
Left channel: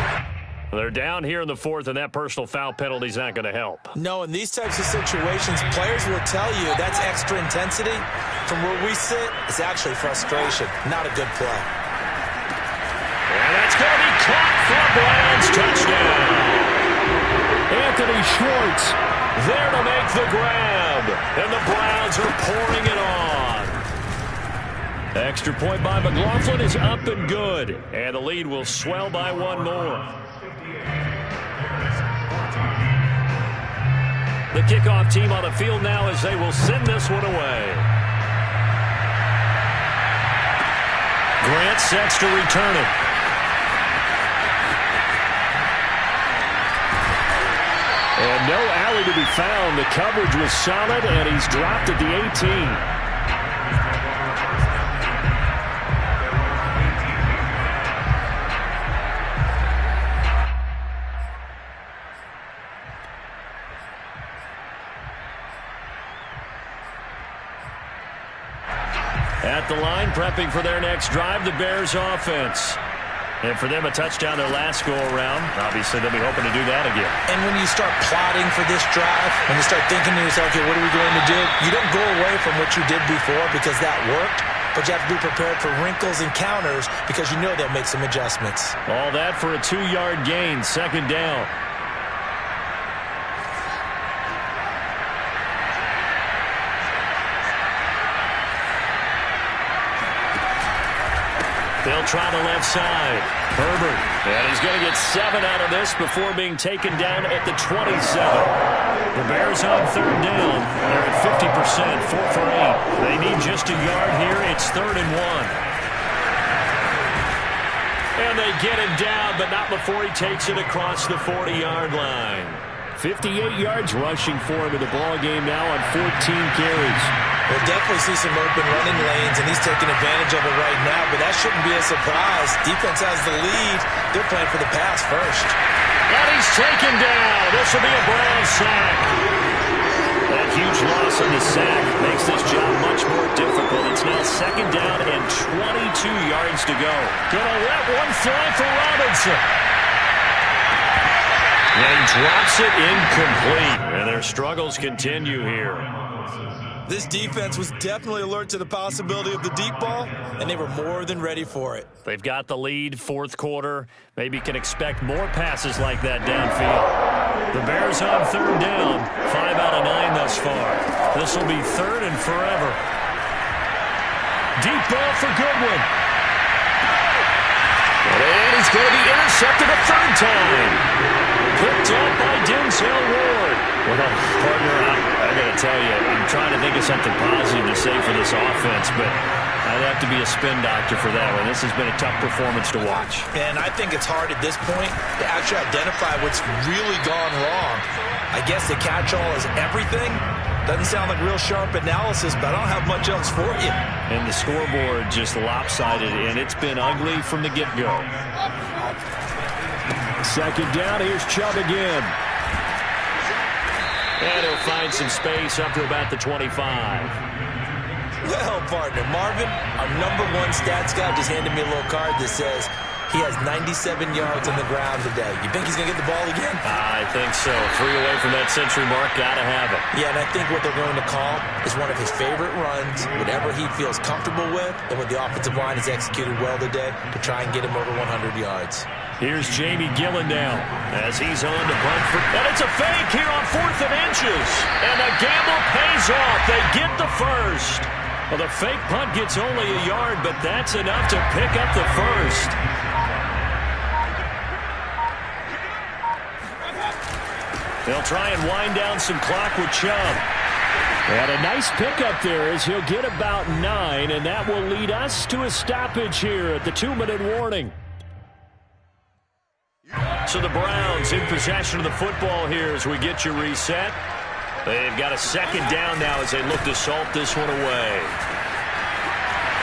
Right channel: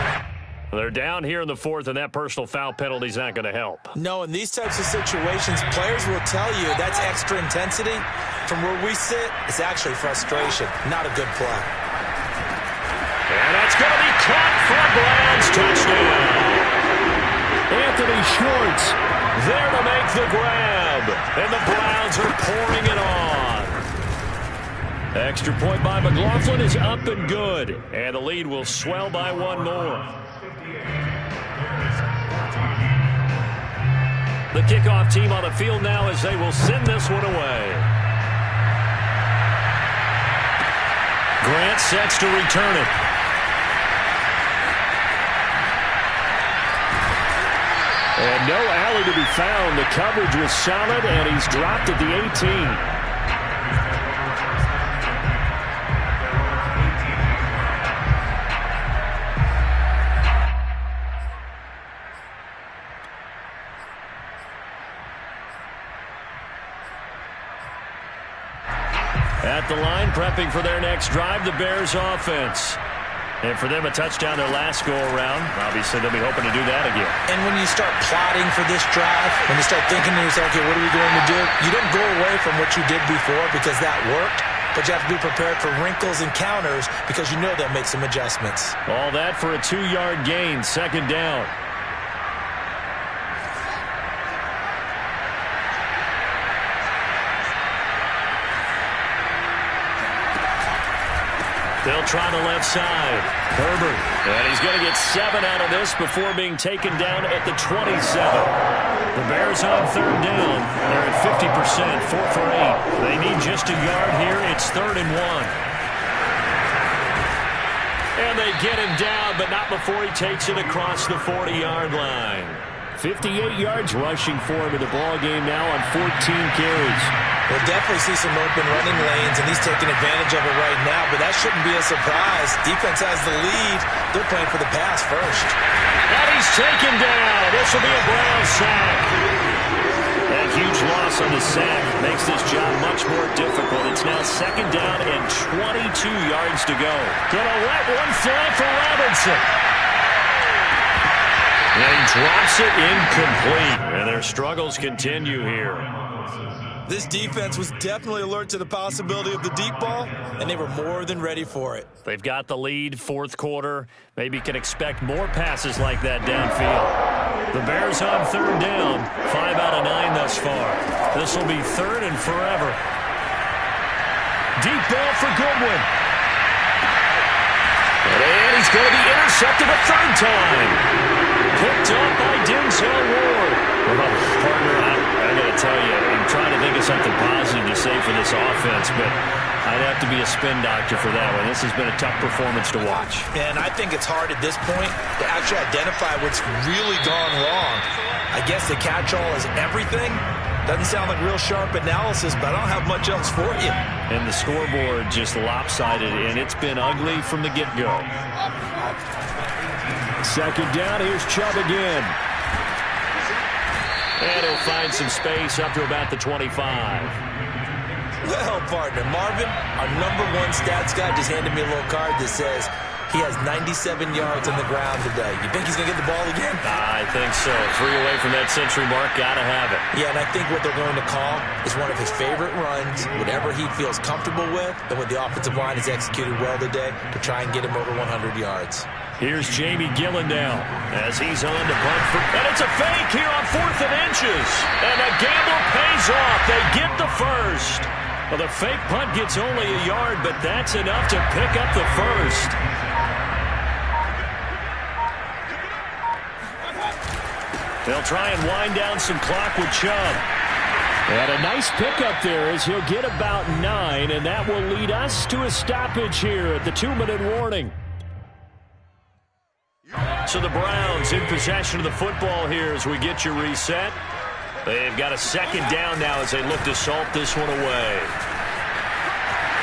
They're down here in the fourth, and that personal foul penalty is not going to help. No, in these types of situations, players will tell you that's extra intensity. From where we sit, it's actually frustration. Not a good play. And that's going to be caught for a Browns touchdown. Anthony Schwartz there to make the grab. And the Browns are pouring it on. Extra point by McLaughlin is up and good. And the lead will swell by one more. The kickoff team on the field now as they will send this one away. Grant sets to return it. And no alley to be found. The coverage was solid, and he's dropped at the 18. At the line, prepping for their next drive, the Bears offense. And for them, a touchdown their last go-around. Obviously, they'll be hoping to do that again. And when you start plotting for this drive, when you start thinking to yourself, okay, what are we going to do? You don't go away from what you did before because that worked, but you have to be prepared for wrinkles and counters because you know they'll make some adjustments. All that for a 2-yard gain, second down. They'll try the left side. Herbert. And he's going to get 7 out of this before being taken down at the 27. The Bears on third down. They're at 50%, 4 for 8. They need just a yard here. It's 3rd and 1. And they get him down, but not before he takes it across the 40-yard line. 58 yards rushing for him in the ball game now on 14 carries. We'll definitely see some open running lanes, and he's taking advantage of it right now, but that shouldn't be a surprise. Defense has the lead. They're playing for the pass first. And he's taken down. This will be a Browns sack. That huge loss on the sack makes this job much more difficult. It's now second down and 22 yards to go. Gonna let one fly for Robinson. And he drops it incomplete. And their struggles continue here. This defense was definitely alert to the possibility of the deep ball, and they were more than ready for it. They've got the lead, fourth quarter. Maybe can expect more passes like that downfield. The Bears on third down, 5 out of 9 thus far. This will be 3rd and forever. Deep ball for Goodwin. And he's going to be intercepted a 3rd time. Picked up by Denzel Ward. Well, partner, I got to tell you, I'm trying to think of something positive to say for this offense, but I'd have to be a spin doctor for that one. This has been a tough performance to watch. And I think it's hard at this point to actually identify what's really gone wrong. I guess the catch-all is everything. Doesn't sound like real sharp analysis, but I don't have much else for you. And the scoreboard just lopsided, and it's been ugly from the get-go. Second down, here's Chubb again. And he'll find some space up to about the 25. Well, partner, Marvin, our #1 stats guy just handed me a little card that says he has 97 yards on the ground today. You think he's going to get the ball again? I think so. 3 away from that century mark. Got to have it. Yeah, and I think what they're going to call is one of his favorite runs, whatever he feels comfortable with, and what the offensive line has executed well today to try and get him over 100 yards. Here's Jamie Gillen now as he's on to punt for... And it's a fake here on 4th and inches. And the gamble pays off. They get the first. Well, the fake punt gets only a yard, but that's enough to pick up the first. They'll try and wind down some clock with Chubb. And a nice pickup there as he'll get about 9, and that will lead us to a stoppage here at the 2-minute warning. So the Browns in possession of the football here as we get you reset. They've got a second down now as they look to salt this one away.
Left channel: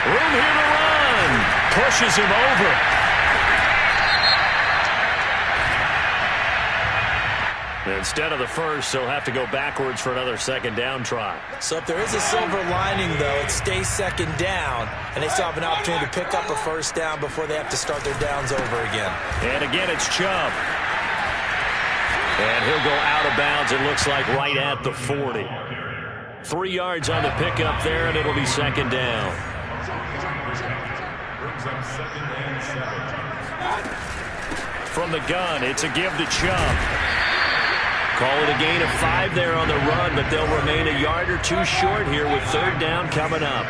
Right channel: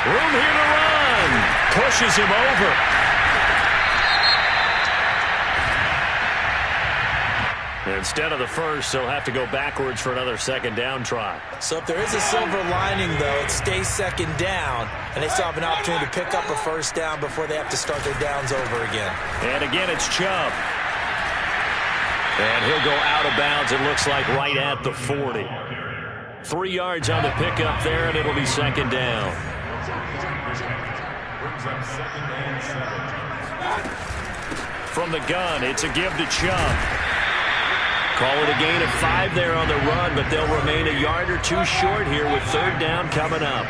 Room here to run. Pushes him over. Instead of the first, they'll have to go backwards for another second down try. So if there is a silver lining, though, it stays second down, and they still have an opportunity to pick up a first down before they have to start their downs over again. And again, it's Chubb. And he'll go out of bounds, it looks like, right at the 40. 3 yards on the pickup there, and it'll be second down. Brings up 2nd and 7. From the gun, it's a give to Chubb. Call it a gain of 5 there on the run, but they'll remain a yard or 2 short here with 3rd down coming up.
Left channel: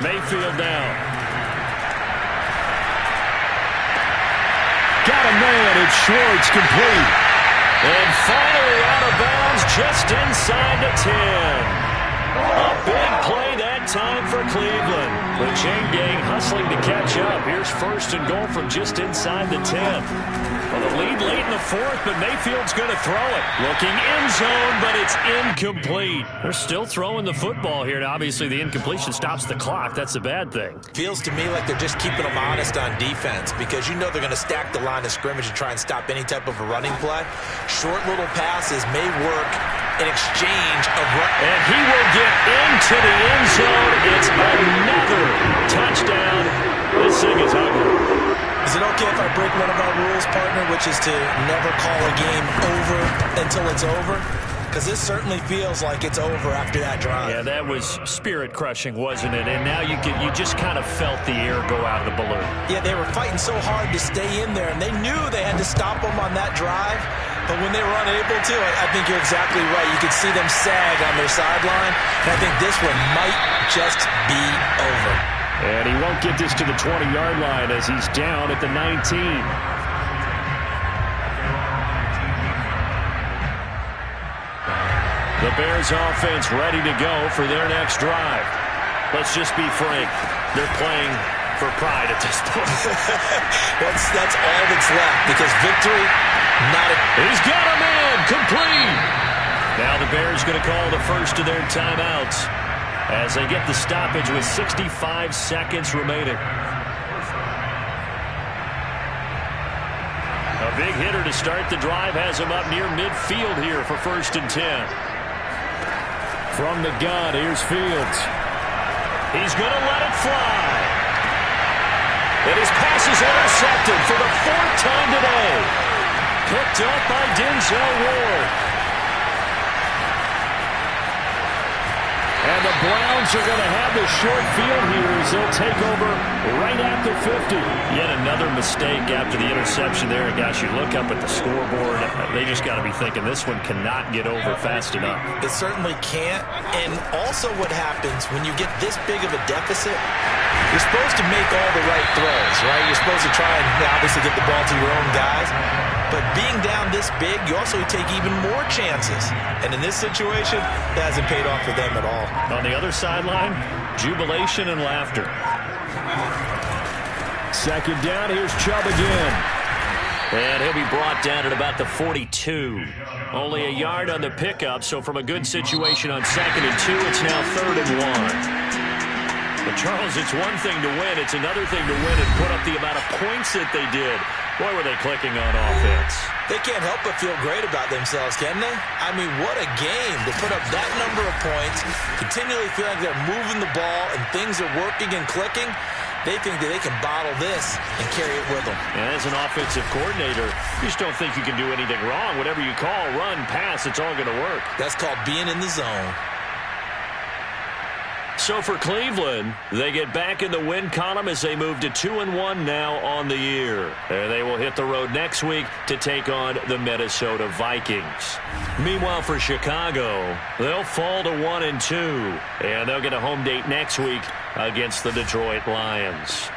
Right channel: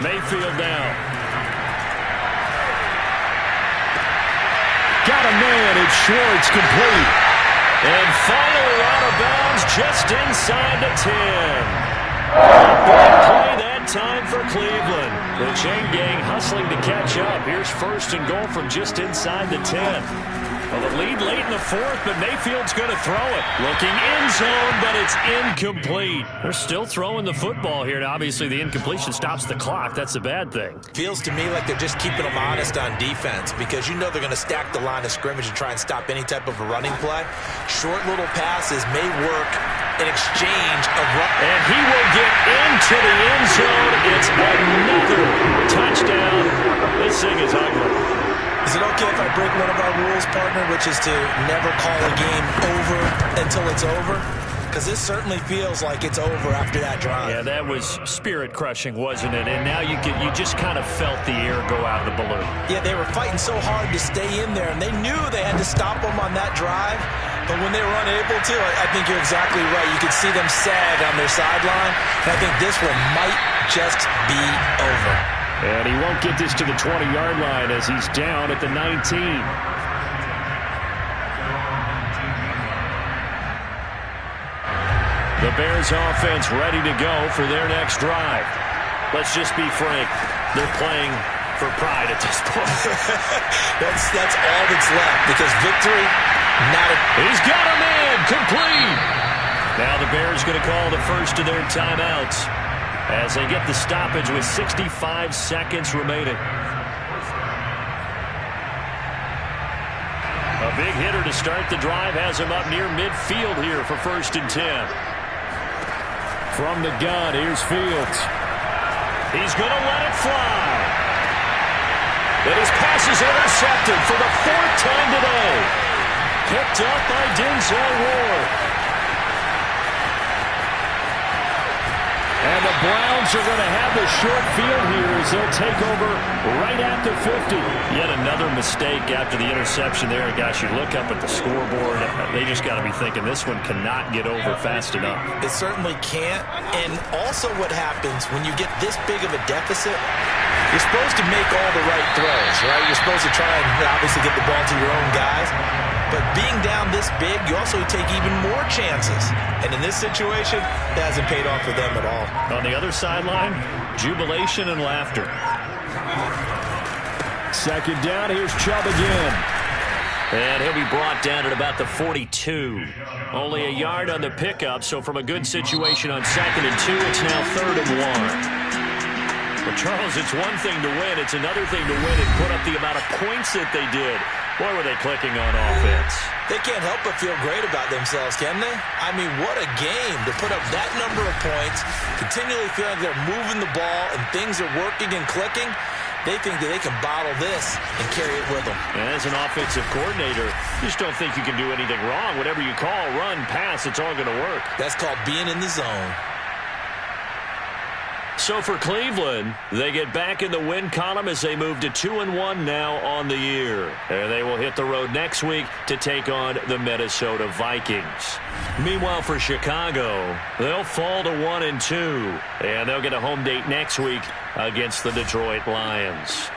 Mayfield now. Got a man, it's Schwartz, complete. And finally out of bounds just inside the 10. A big play that time for Cleveland. The chain gang hustling to catch up. Here's 1st and goal from just inside the 10. Well, the lead late in the 4th, but Mayfield's going to throw it. Looking end zone, but it's incomplete. They're still throwing the football here. Now, obviously, the incompletion stops the clock. That's a bad thing. Feels to me like they're just keeping them honest on defense because you know they're going to stack the line of scrimmage and try and stop any type of a running play. Short little passes may work in exchange of run. And he will get into the end zone. It's another touchdown. This thing is ugly. Is it okay if I break one of our rules, partner, which is to never call a game over until it's over? Because this certainly feels like it's over after that drive. Yeah, that was spirit-crushing, wasn't it? And now you just kind of felt the air go out of the balloon. Yeah, they were fighting so hard to stay in there, and they knew they had to stop them on that drive. But when they were unable to, I think you're exactly right. You could see them sag on their sideline, and I think this one might just be over. And he won't get this to the 20-yard line as he's down at the 19. The Bears offense ready to go for their next drive. Let's just be frank. They're playing for pride at this point. That's all that's left because victory, not a... He's got a man, complete. Now the Bears going to call the first of their timeouts as they get the stoppage with 65 seconds remaining. A big hitter to start the drive has him up near midfield here for 1st and 10. From the gun, here's Fields. He's going to let it fly. And his pass is intercepted for the 4th time today. Picked up by Denzel Ward. And the Browns are going to have the short field here as they'll take over right at the 50. Yet another mistake after the interception there. Gosh, you look up at the scoreboard. They just got to be thinking this one cannot get over fast enough. It certainly can't. And also what happens when you get this big of a deficit, you're supposed to make all the right throws, right? You're supposed to try and obviously get the ball to your own guys. But being down this big, you also take even more chances. And in this situation, it hasn't paid off for them at all. On the other sideline, jubilation and laughter. Second down, here's Chubb again. And he'll be brought down at about the 42. Only a yard on the pickup, so from a good situation on 2nd and 2, it's now 3rd and 1. But Charles, it's one thing to win. It's another thing to win and put up the amount of points that they did. Boy, were they clicking on offense. They can't help but feel great about themselves, can they? I mean, what a game to put up that number of points, continually feel like they're moving the ball and things are working and clicking. They think that they can bottle this and carry it with them. And as an offensive coordinator, you just don't think you can do anything wrong. Whatever you call, run, pass, it's all going to work. That's called being in the zone. So for Cleveland, they get back in the win column as they move to 2-1 now on the year. And they will hit the road next week to take on the Minnesota Vikings. Meanwhile, for Chicago, they'll fall to 1-2. And they'll get a home date next week against the Detroit Lions.